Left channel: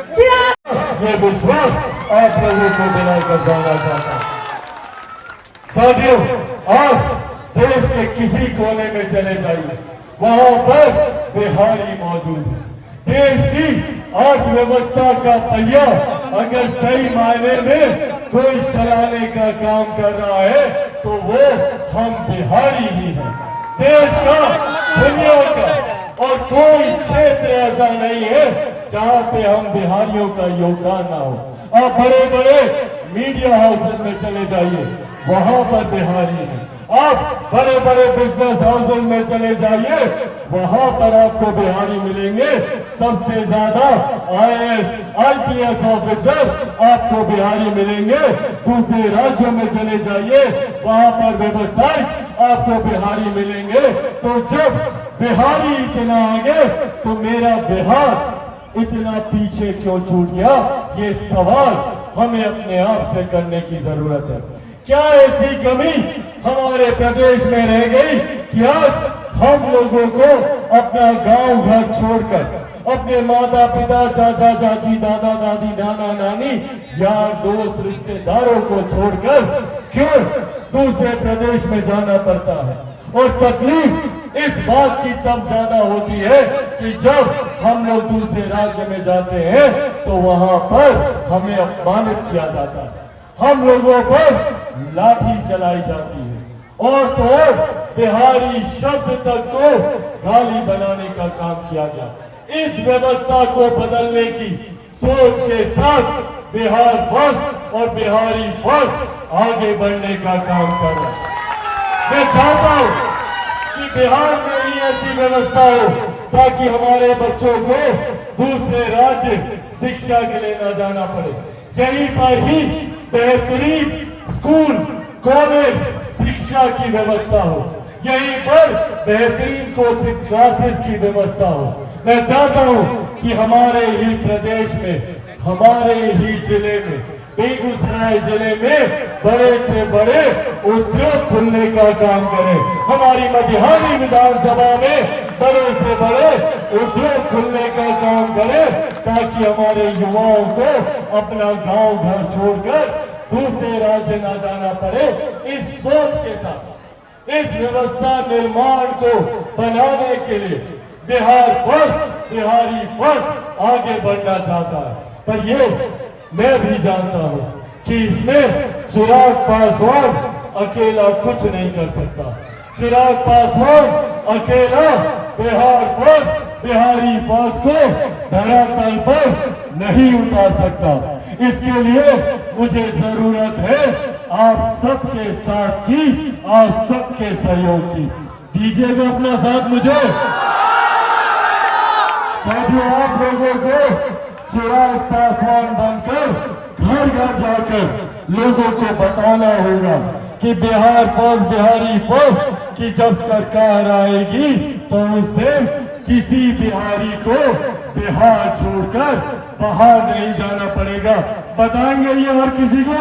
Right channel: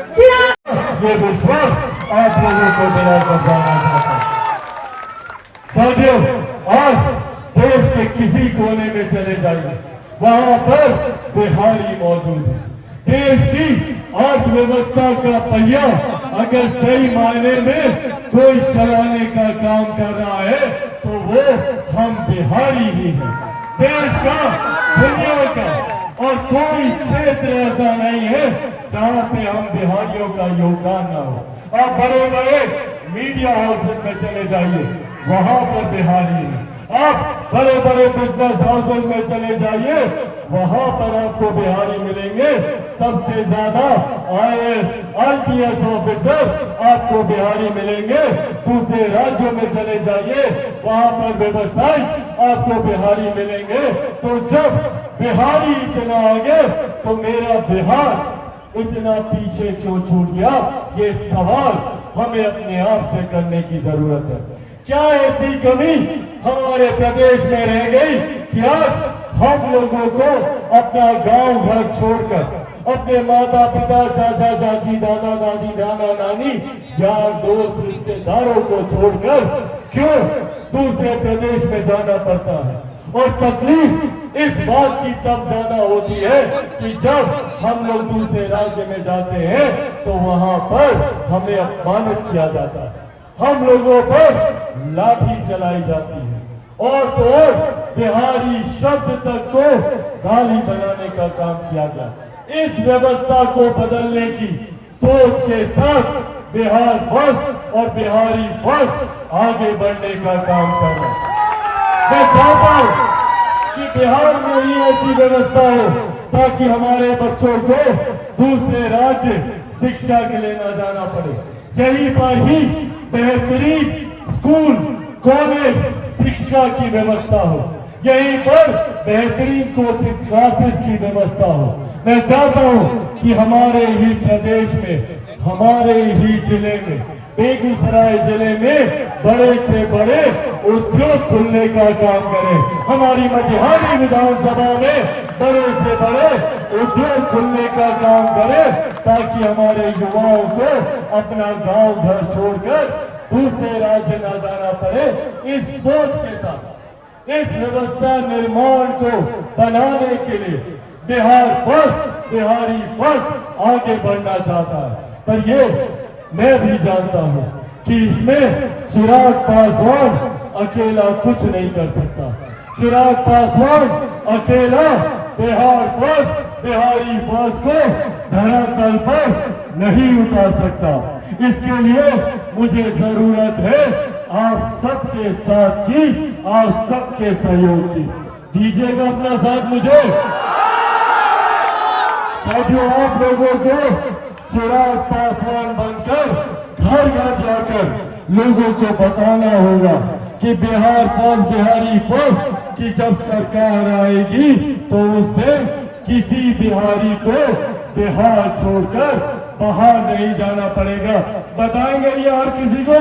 ये विश्वास आप लोगों को दिलाकर देना चाहता हूं। साथियों, आज देश के किसी कोने में चले जाइए, वहां पर बिहारी मौजूद है। देश की अर्थव्यवस्था का पहिया अगर सही मायने में कोई चलाने का काम कर रहा है तो वो हम बिहारी ही हैं। देश का, दुनिया का और कोई क्षेत्र ऐसा नहीं है जहां पे हम बिहारियों का योगदान ना हो। आप बड़े बड़े मीडिया हाउसेस में चले जाइए, वहां पर बिहारी है। आप बड़े बड़े बिजनेस हाउसेस में चले जाइए, वहां पर आपको बिहारी मिलेंगे। सबसे ज्यादा IAS IPS ऑफिसर आपको बिहारी मिलेंगे। दूसरे राज्यों में चले जाइए, वहां पर व्यवसायी आपको बिहारी मिलेंगे। तो जब बिहारी इतना आगे तो मेरा बिहार इतना पीछे क्यों छूट गया, ये सवाल हमें अपने आप से करने की जरूरत है। क्या ऐसी कमी हमारे प्रदेश में रह गई कि आज हम लोगों को अपना गांव घर छोड़कर, अपने माता पिता, चाचा चाची, दादा दादी, नाना नानी, यार दोस्त, रिश्तेदारों को छोड़कर क्यों दूसरे प्रदेश में जाना पड़ता है? और तकलीफ इस बात की तब ज्यादा होती है कि जब हम लोग दूसरे राज्य में जाते हैं तो वहां पर हमें अपमानित किया जाता है, हम लोगों पर लाठी चलाई जाती है, और तो और बिहारी शब्द तक को गाली बनाने का काम किया गया। इस व्यवस्था को बदलने की सोच के साथ बिहार फर्स्ट और बिहारी फर्स्ट आगे बढ़ने का काम करें। मैं चाहता हूं कि बिहार में ही ऐसी व्यवस्था हो ताकि हमारे बच्चों को दूसरे राज्य शिक्षा के लिए न जाना पड़े। यहीं पर ही बेहतरीन स्कूल, कॉलेज, शिक्षा की व्यवस्था हो, यहीं पर बेहतरीन कोचिंग क्लासेस की व्यवस्था हो। मैं चाहता हूं कि हमारे ही प्रदेश में, हमारे ही जिले में, बेगूसराय जिले में बड़े से बड़े उद्योग खुलने का काम करें। हमारी मटिहानी विधानसभा में बड़े से बड़े उद्योग खुलने का काम करें ताकि हमारे युवाओं को अपना गांव घर छोड़कर दूसरे राज्य न जाना पड़े। इस सोच के साथ इस व्यवस्था निर्माण को बनाने के लिए बिहार फर्स्ट, बिहारी फर्स्ट आगे बढ़ना चाहता है। पर ये मैं भी जानता हूं कि इसमें चिराग पासवान अकेला कुछ नहीं कर सकता। चिराग पासवान अकेला बिहार फर्स्ट, बिहारी फर्स्ट को धरातल पर नहीं उतार सकता। इसके लिए मुझे जरूरत है आप सबके साथ की, आप सबके सहयोग की। दीजिएगा अपना साथ मुझे। साथियों, आप लोगों को चिराग पासवान बनकर घर घर जाकर लोगों को बताना होगा कि बिहार फर्स्ट, बिहारी फर्स्ट की जब सरकार आएगी तो उस दिन किसी बिहारी को बिहार छोड़कर बाहर नहीं जाना पड़ेगा। बताएंगे ये हर किसी को,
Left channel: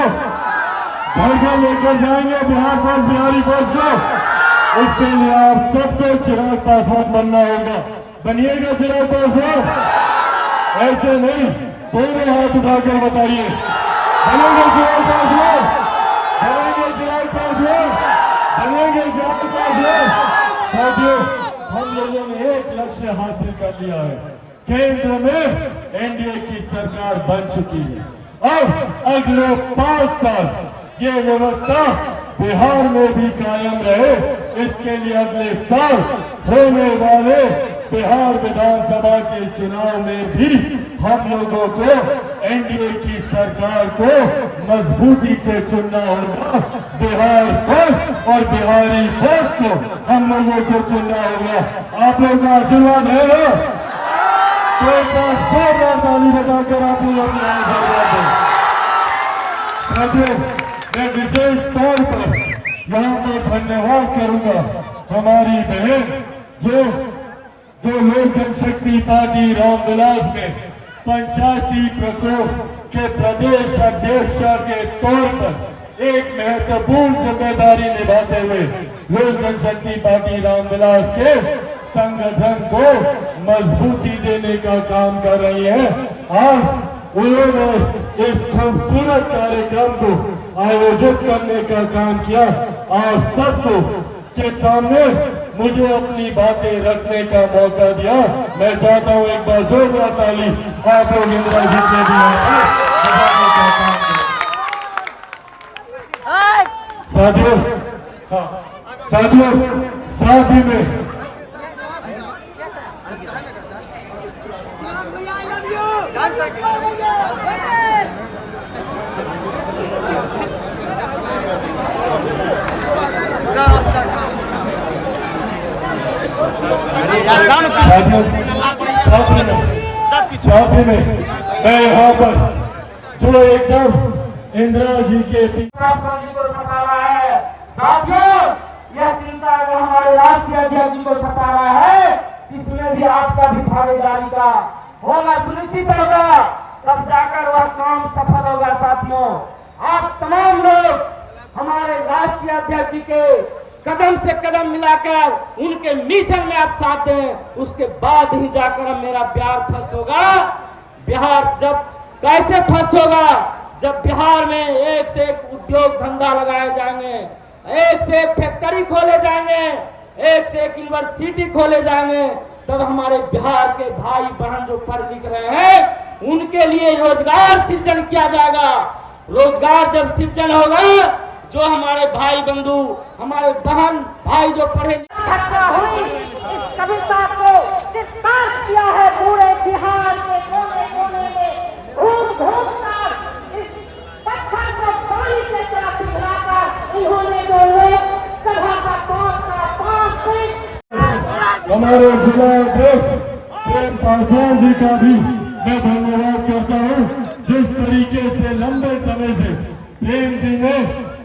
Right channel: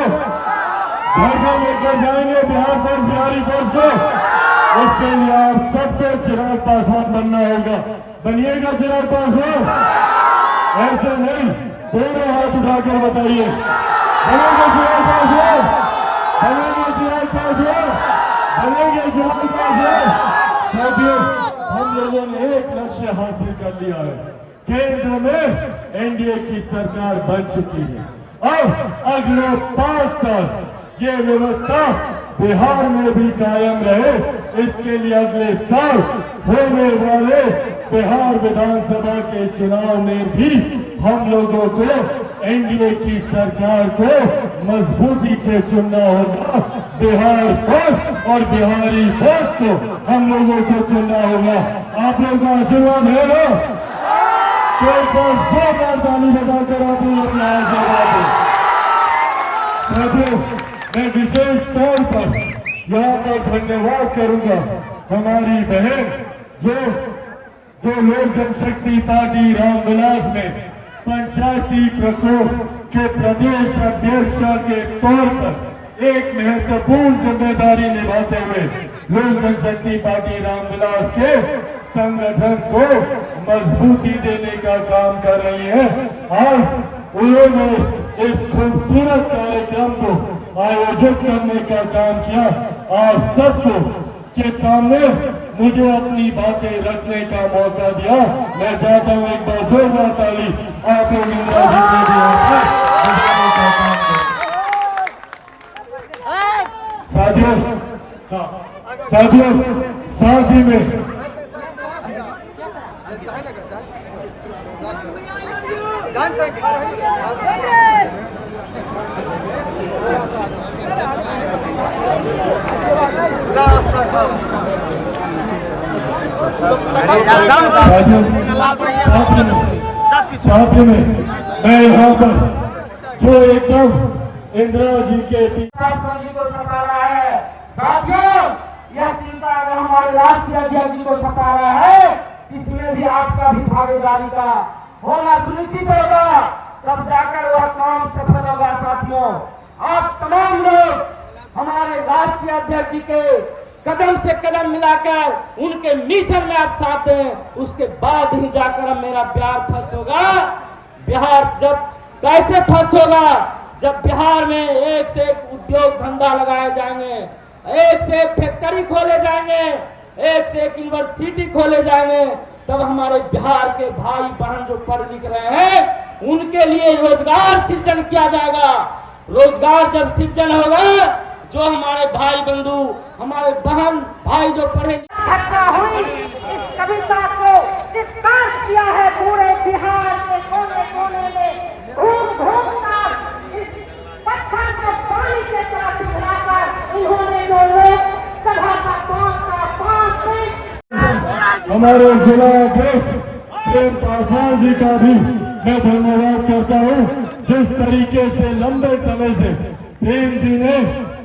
घर घर लेकर जाएंगे बिहार फर्स्ट, बिहारी फर्स्ट को। इसके लिए आप सबको चिराग पासवान बनना होगा। बनिएगा चिराग पासवान। ऐसे नहीं, दोनों हाथ उठाकर बताइए, बनेंगे चिराग पासवान, बनेंगे चिराग पासवान, बनेंगे चिराग पासवान। साथियों, हम लोगों ने एक लक्ष्य हासिल कर लिया है। केंद्र में NDA की सरकार बन चुकी है। अब अगले 5 साल ये व्यवस्था बिहार में भी कायम रहे, इसके लिए अगले साल होने वाले बिहार विधानसभा के चुनाव में भी हम लोगों को NDA की सरकार को मजबूती से चुनना होगा। बिहार फर्स्ट और बिहारी फर्स्ट को हम लोगों को चुनना होगा। आप लोगों का आशीर्वाद है ना? तो जोरदार ताली बजाकर आप लोग साथियों, मैं विशेष तौर पर यहाँ पर धन्यवाद करूंगा हमारी बहन जो लोक जनशक्ति पार्टी रामविलास में पंचायती प्रकोष्ठ के प्रदेश अध्यक्ष के तौर पर एक महत्वपूर्ण जिम्मेदारी निभाते हुए लोक जनशक्ति पार्टी रामविलास के संगठन को मजबूती देने का काम कर रही है। आज उन्होंने इस खूबसूरत कार्यक्रम को आयोजित करने का काम किया। आप सबको के सामने मुझे अपनी बातें रखने का मौका दिया। मैं चाहता हूँ एक बार जोरदार ताली आप लोग इंदिरा जी के लिए। साथियों, हाँ साथियों, साथ ही में मैं यहाँ पर जो एकदम इंदिरा जी के जी को सता रहा है। साथियों, यह चिंता अगर हमारे राष्ट्रीय अध्यक्ष जी को सता रहा है, इसमें भी आपका भी भागीदारी का होना सुनिश्चित होगा, तब जाकर वह काम सफल होगा। साथियों, आप तमाम लोग हमारे राष्ट्रीय अध्यक्ष जी के कदम से कदम मिलाकर उनके मिशन में आप साथ दें, उसके बाद ही जाकर मेरा बिहार फर्स्ट होगा। बिहार जब कैसे फर्स्ट होगा? जब बिहार में एक से एक उद्योग धंधा लगाए जाएंगे, एक से एक फैक्ट्री खोले जाएंगे, एक से एक यूनिवर्सिटी खोले जाएंगे, तब हमारे बिहार के भाई बहन जो पढ़ लिख रहे हैं उनके लिए रोजगार सृजन किया जाएगा। रोजगार जब सृजन होगा, जो हमारे भाई बंधु, हमारे बहन भाई जो पढ़े इस कविता को विस्तार किया है पूरे बिहार के कोने कोने में, घूम घूम कर इस पत्थर को पानी के साथ मिलाकर उन्होंने जो लोग सभा का 5 सीट हमारे जिला अध्यक्ष प्रेम पासवान जी का भी मैं धन्यवाद करता हूँ। जिस तरीके से लंबे समय से प्रेम जी ने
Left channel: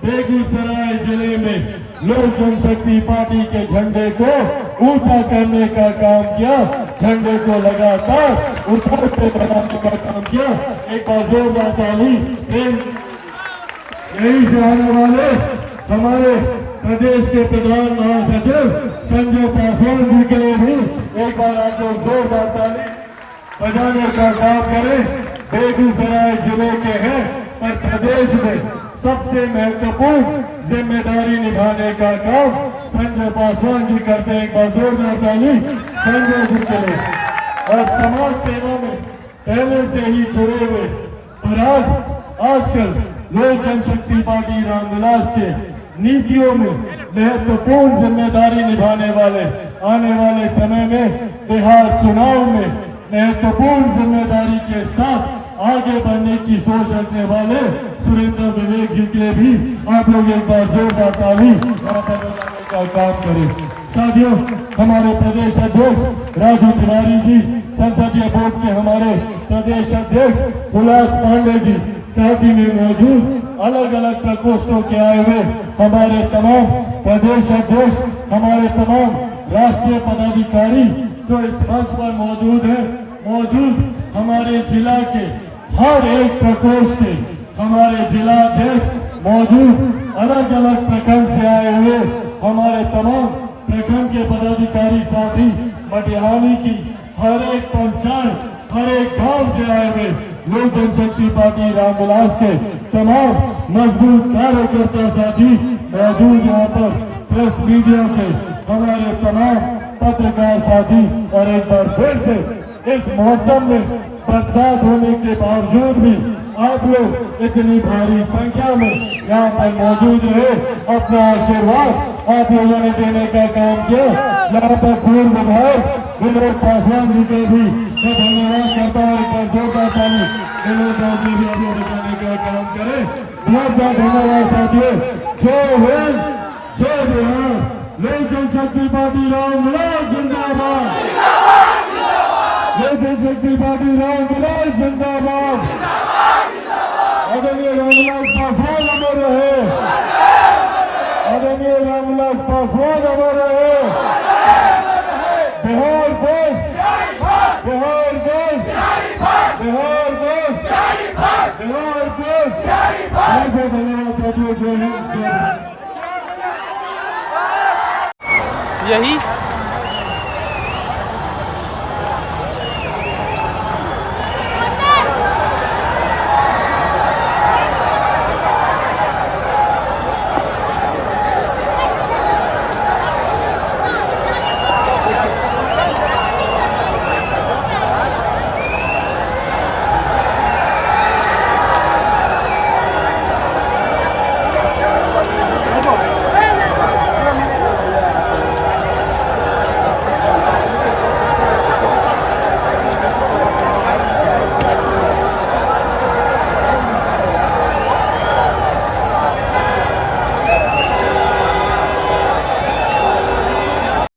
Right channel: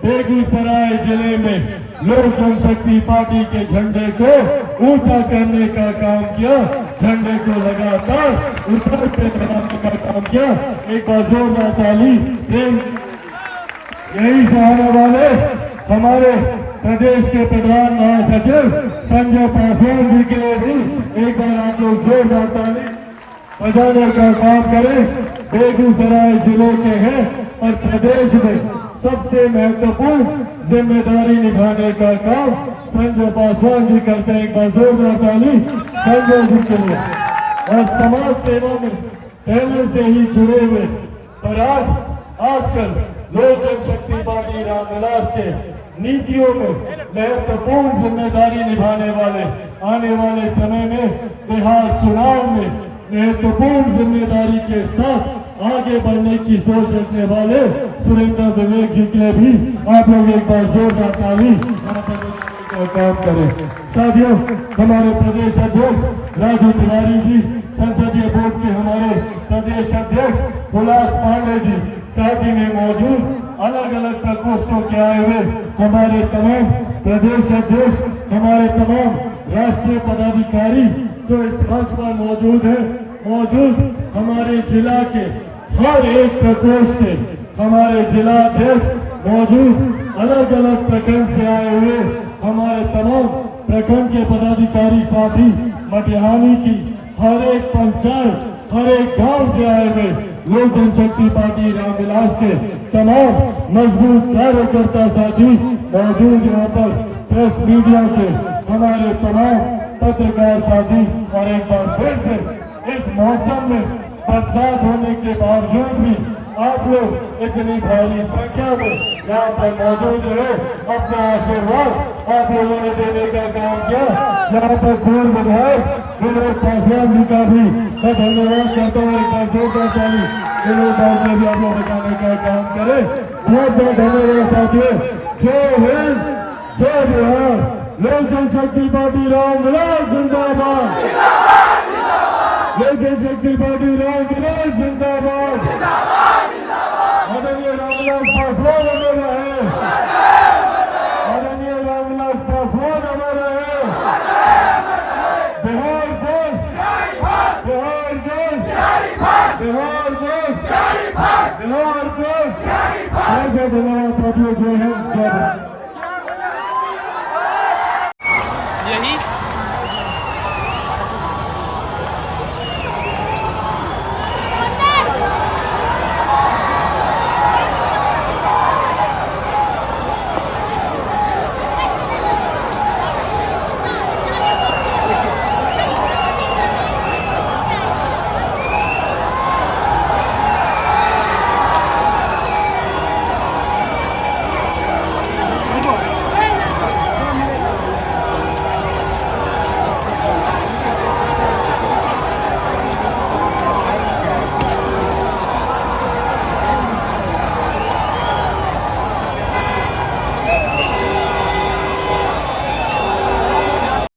बेगूसराय जिले में लोक जनशक्ति पार्टी के झंडे को ऊंचा करने का काम किया, झंडे को लगातार उठा के बनाने का काम किया। एक जोरदार ताली प्रेम। यही सहारा वाले हमारे प्रदेश के प्रधान महासचिव संजय पासवान जी के लिए भी एक बार आप लोग जोरदार ताली बजाने का काम करें। बेगूसराय जिले के हैं और प्रदेश में सबसे महत्वपूर्ण जिम्मेदारी निभाने का काम संजय पासवान जी करते हैं। एक बार जोरदार ताली संजय जी के लिए। और समाज सेवा में पहले से ही जुड़े हुए और आजकल लोक जनशक्ति पार्टी रामविलास के नीतियों में महत्वपूर्ण जिम्मेदारी निभाने वाले, आने वाले समय में बिहार चुनाव में महत्वपूर्ण जिम्मेदारी के साथ आगे बढ़ने की सोच रखने वाले सुरेंद्र विवेक जी के लिए भी आप लोग एक बार जोरदार ताली का काम करें। साथियों, हमारे प्रदेश अध्यक्ष राजू तिवारी जी, संसदीय बोर्ड के हमारे प्रदेश अध्यक्ष हुलास पांडे जी, साथ ही में मौजूद अलग अलग प्रकोष्ठों के आए हुए हमारे तमाम प्रदेश अध्यक्ष, हमारे तमाम राष्ट्रीय पदाधिकारी जो इस मंच पर मौजूद हैं, मौजूद हमारे जिला के हर एक प्रकोष्ठ के हमारे जिला अध्यक्ष, मौजूद अलग अलग प्रखंड से आए हुए हमारे तमाम प्रखंड के पदाधिकारी साथी, लटिहानी की हर एक पंचायत, हर एक गांव से आए हुए लोक जनशक्ति पार्टी रामविलास के तमाम मजबूत कार्यकर्ता साथी मौजूद यहाँ पर, प्रेस मीडिया के हमारे तमाम पत्रकार साथी। और एक बार फिर से इस मौसम में बरसात होने के बावजूद भी आप लोग इतनी भारी संख्या में यहाँ पर मौजूद रहे, अपना आशीर्वाद आप लोगों ने देने का काम किया। यहाँ पर पूर्व विधायक विवेक पासवान जी का भी मैं धन्यवाद करता हूँ। एक बार जोरदार ताली विनोद साहब ने भी आप लोग दिखाने का काम करे। बहुत बहुत धन्यवाद साथियों। जय हिंद, जय बिहार। लोक जनशक्ति पार्टी रामविलास जिंदाबाद। लोक जनशक्ति पार्टी रामविलास जिंदाबाद। आदरणीय रामविलास पासवान अमर रहे। आदरणीय रामविलास पासवान अमर रहे। बिहार देश, बिहार देश, बिहार देश, बिहार देश। बहुत बहुत धन्यवाद साथियों। जय हिंद, जय भारत। यही